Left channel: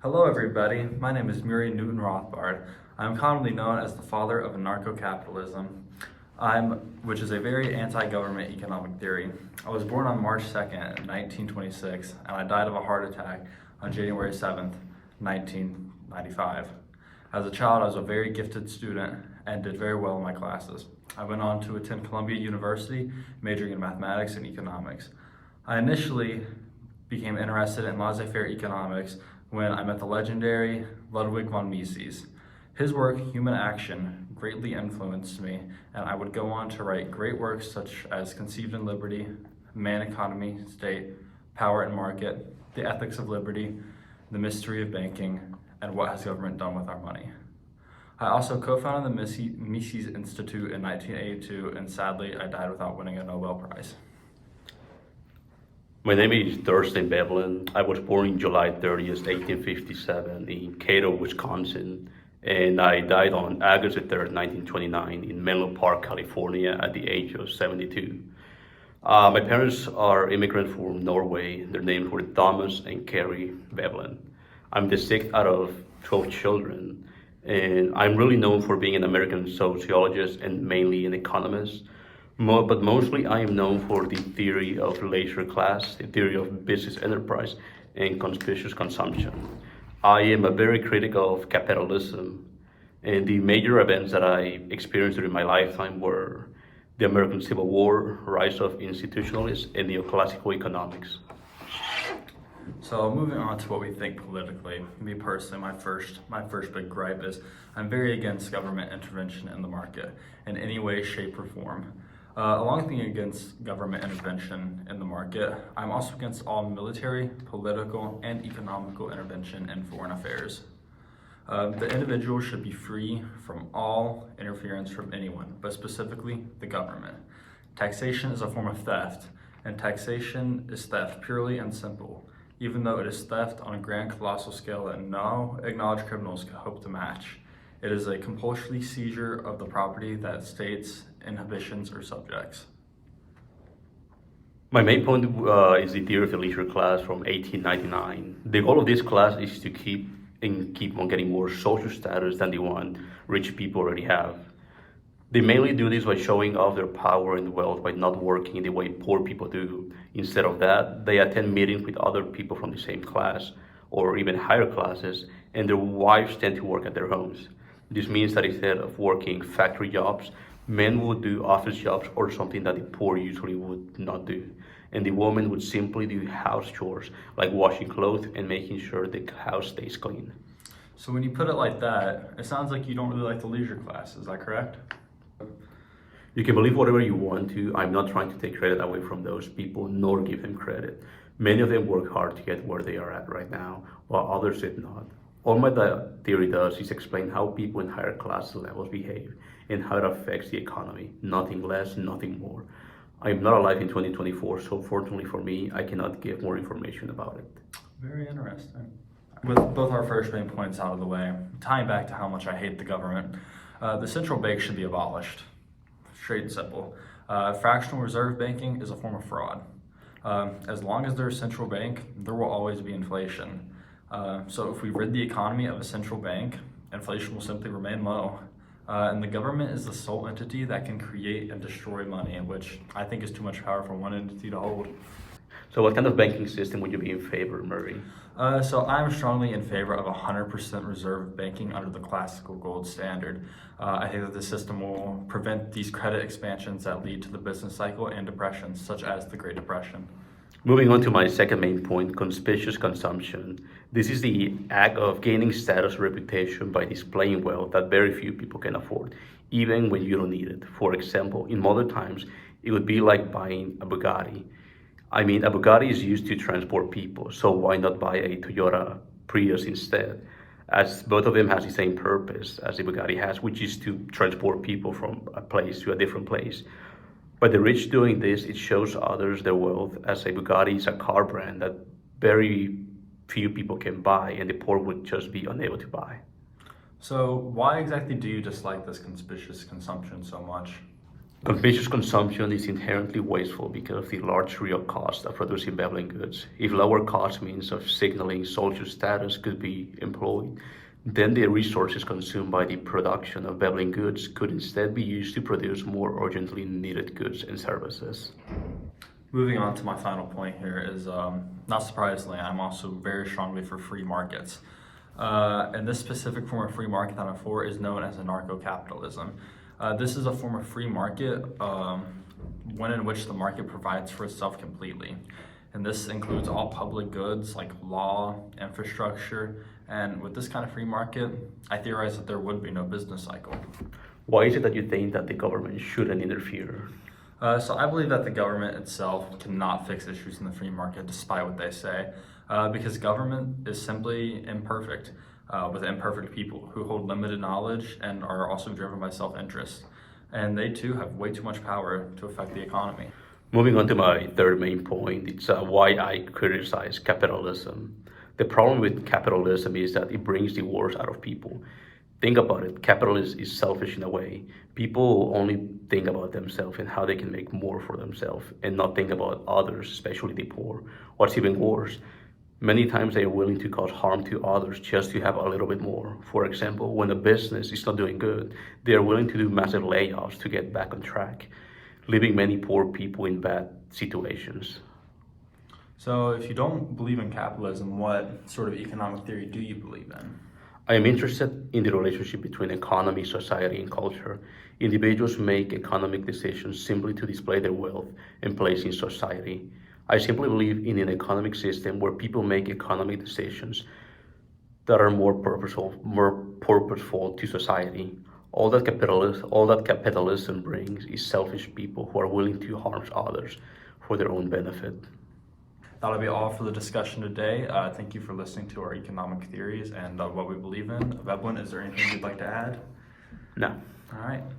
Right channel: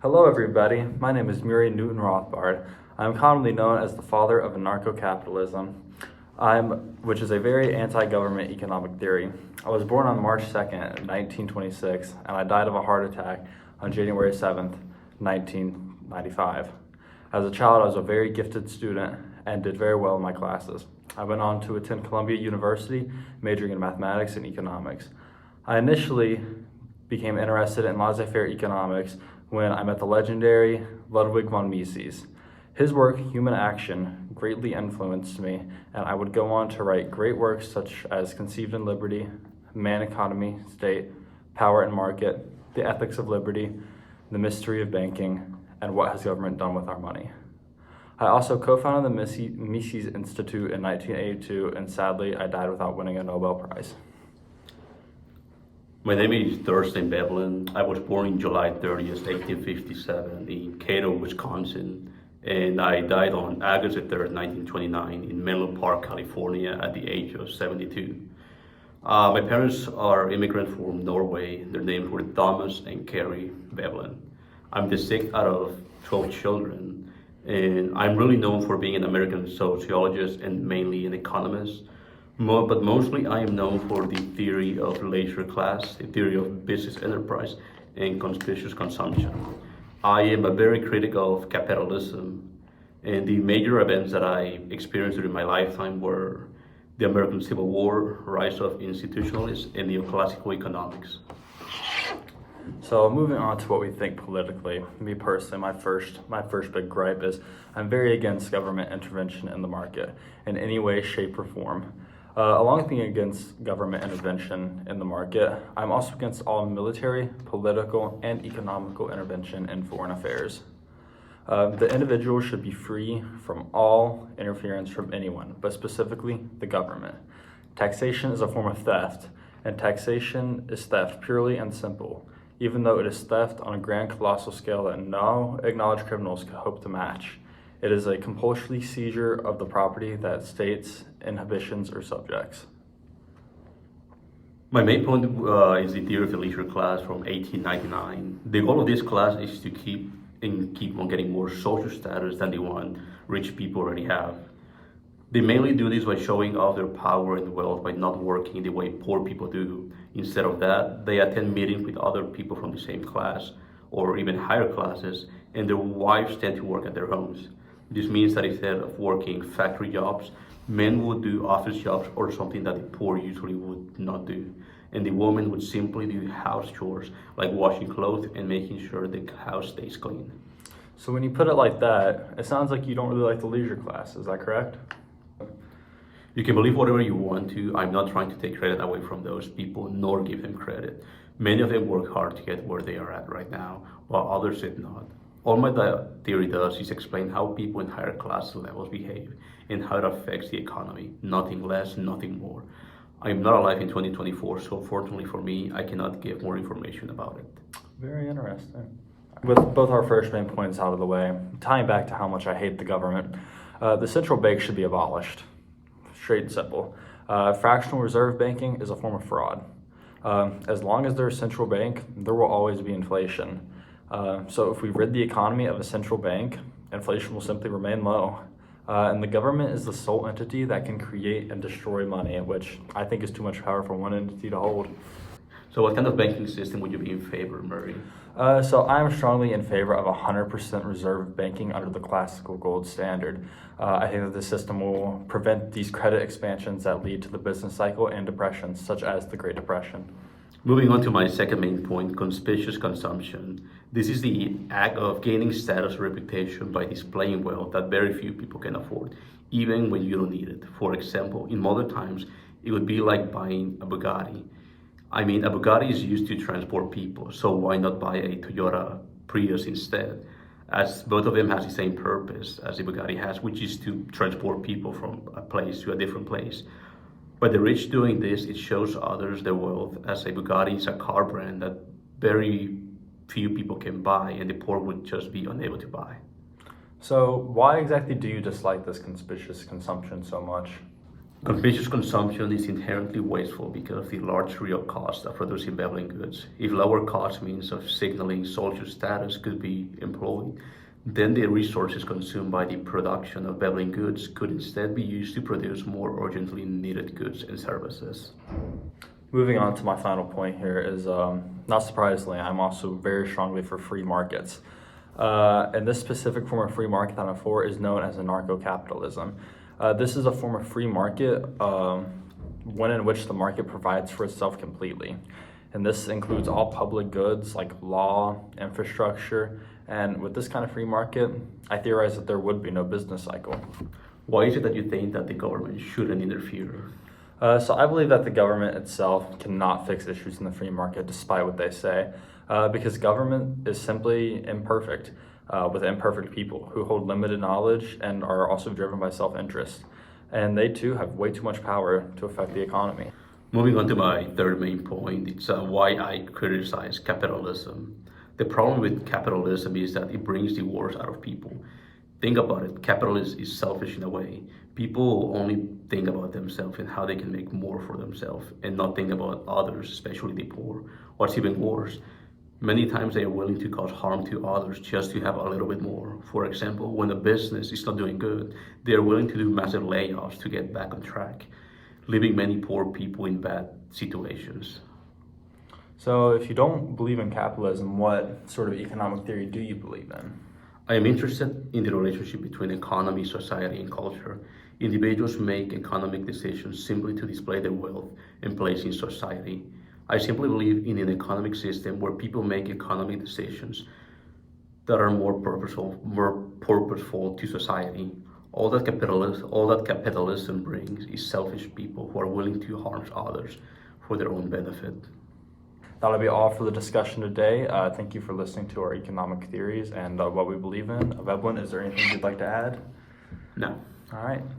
Hello everybody, my name is Veblen and Rothbard. I'm commonly known as the father of anarcho-capitalism, which is a very anti-government economic theory. I was born on March 2nd, 1926, and I died of a heart attack on January 7th, 1995. As a child, I was a very gifted student and did very well in my classes. I went on to attend Columbia University, majoring in mathematics and economics. I initially became interested in laissez-faire economics when I met the legendary Ludwig von Mises. His work, Human Action, greatly influenced me, and I would go on to write great works such as Conceived in Liberty, Man, Economy, State, Power and Market, The Ethics of Liberty, The Mystery of Banking, and What Has Government Done with Our Money. I also co-founded the Mises Institute in 1982, and sadly, I died without winning a Nobel Prize. My name is Thurston Veblen. I was born in July 30th, 1857 in Cato, Wisconsin, and I died on August 3rd, 1929 in Menlo Park, California at the age of 72. My parents are immigrants from Norway. Their names were Thomas and Carrie Veblen. I'm the sixth out of 12 children, and I'm really known for being an American sociologist and mainly an economist. But mostly I am known for the theory of leisure class, the theory of business enterprise, and conspicuous consumption. I am a very critic of capitalism, and the major events that I experienced during my lifetime were the American Civil War, rise of institutionalists, and neoclassical economics. So moving on to what we think politically, me personally, my first big gripe is I'm very against government intervention in the market in any way, shape, or form. Along with being against government intervention in the market, I'm also against all military, political, and economical intervention in foreign affairs. The individual should be free from all interference from anyone, but specifically the government. Taxation is a form of theft, and taxation is theft purely and simple, even though it is theft on a grand colossal scale that no acknowledged criminals could hope to match. It is a compulsory seizure of the property that states inhibitions or subjects. My main point is the theory of the leisure class from 1899. The goal of this class is to keep on getting more social status than the one rich people already have. They mainly do this by showing off their power and wealth by not working the way poor people do. Instead of that, they attend meetings with other people from the same class or even higher classes, and their wives tend to work at their homes. This means that instead of working factory jobs, men would do office jobs or something that the poor usually would not do. And the woman would simply do house chores like washing clothes and making sure the house stays clean. So when you put it like that, it sounds like you don't really like the leisure class, is that correct? You can believe whatever you want to. I'm not trying to take credit away from those people nor give them credit. Many of them work hard to get where they are at right now, while others did not. All my theory does is explain how people in higher class levels behave and how it affects the economy. Nothing less, nothing more. I am not alive in 2024, so fortunately for me, I cannot give more information about it. Very interesting. With both our first main points out of the way, tying back to how much I hate the government, the central bank should be abolished. Straight and simple. Fractional reserve banking is a form of fraud. As long as there's a central bank, there will always be inflation. So if we rid the economy of a central bank, inflation will simply remain low. And the government is the sole entity that can create and destroy money, which I think is too much power for one entity to hold. So what kind of banking system would you be in favor, Murray? So I'm strongly in favor of 100% reserve banking under the classical gold standard. I think that the system will prevent these credit expansions that lead to the business cycle and depressions, such as the Great Depression. Moving on to my second main point, conspicuous consumption. This is the act of gaining status or reputation by displaying wealth that very few people can afford, even when you don't need it. For example, in modern times, it would be like buying a Bugatti. A Bugatti is used to transport people, so why not buy a Toyota Prius instead? As both of them has the same purpose as the Bugatti has, which is to transport people from a place to a different place. By the rich doing this, it shows others their wealth, as a Bugatti is a car brand that very few people can buy and the poor would just be unable to buy. So why exactly do you dislike this conspicuous consumption so much? Convenience consumption is inherently wasteful because of the large real cost of producing Veblen goods. If lower cost means of signaling social status could be employed, then the resources consumed by the production of Veblen goods could instead be used to produce more urgently needed goods and services. Moving on to my final point here is, not surprisingly, I'm also very strongly for free markets. And this specific form of free market that I'm for is known as anarcho-capitalism. This is a form of free market one in which the market provides for itself completely. And this includes all public goods like law, infrastructure, and with this kind of free market, I theorize that there would be no business cycle. Why is it that you think that the government shouldn't interfere? So I believe that the government itself cannot fix issues in the free market despite what they say, because government is simply imperfect, with imperfect people who hold limited knowledge and are also driven by self-interest. And they too have way too much power to affect the economy. Moving on to my third main point, it's why I criticize capitalism. The problem with capitalism is that it brings the worst out of people. Think about it, capitalism is selfish in a way. People only think about themselves and how they can make more for themselves and not think about others, especially the poor. What's even worse, many times they are willing to cause harm to others just to have a little bit more. For example, when a business is not doing good, they are willing to do massive layoffs to get back on track, leaving many poor people in bad situations. So if you don't believe in capitalism, what sort of economic theory do you believe in? I am interested in the relationship between economy, society, and culture. Individuals make economic decisions simply to display their wealth and place in society. I simply believe in an economic system where people make economic decisions that are more purposeful to society. All that capitalism brings is selfish people who are willing to harm others for their own benefit. That'll be all for the discussion today. Thank you for listening to our economic theories and what we believe in. Veblen, is there anything you'd like to add? No. All right.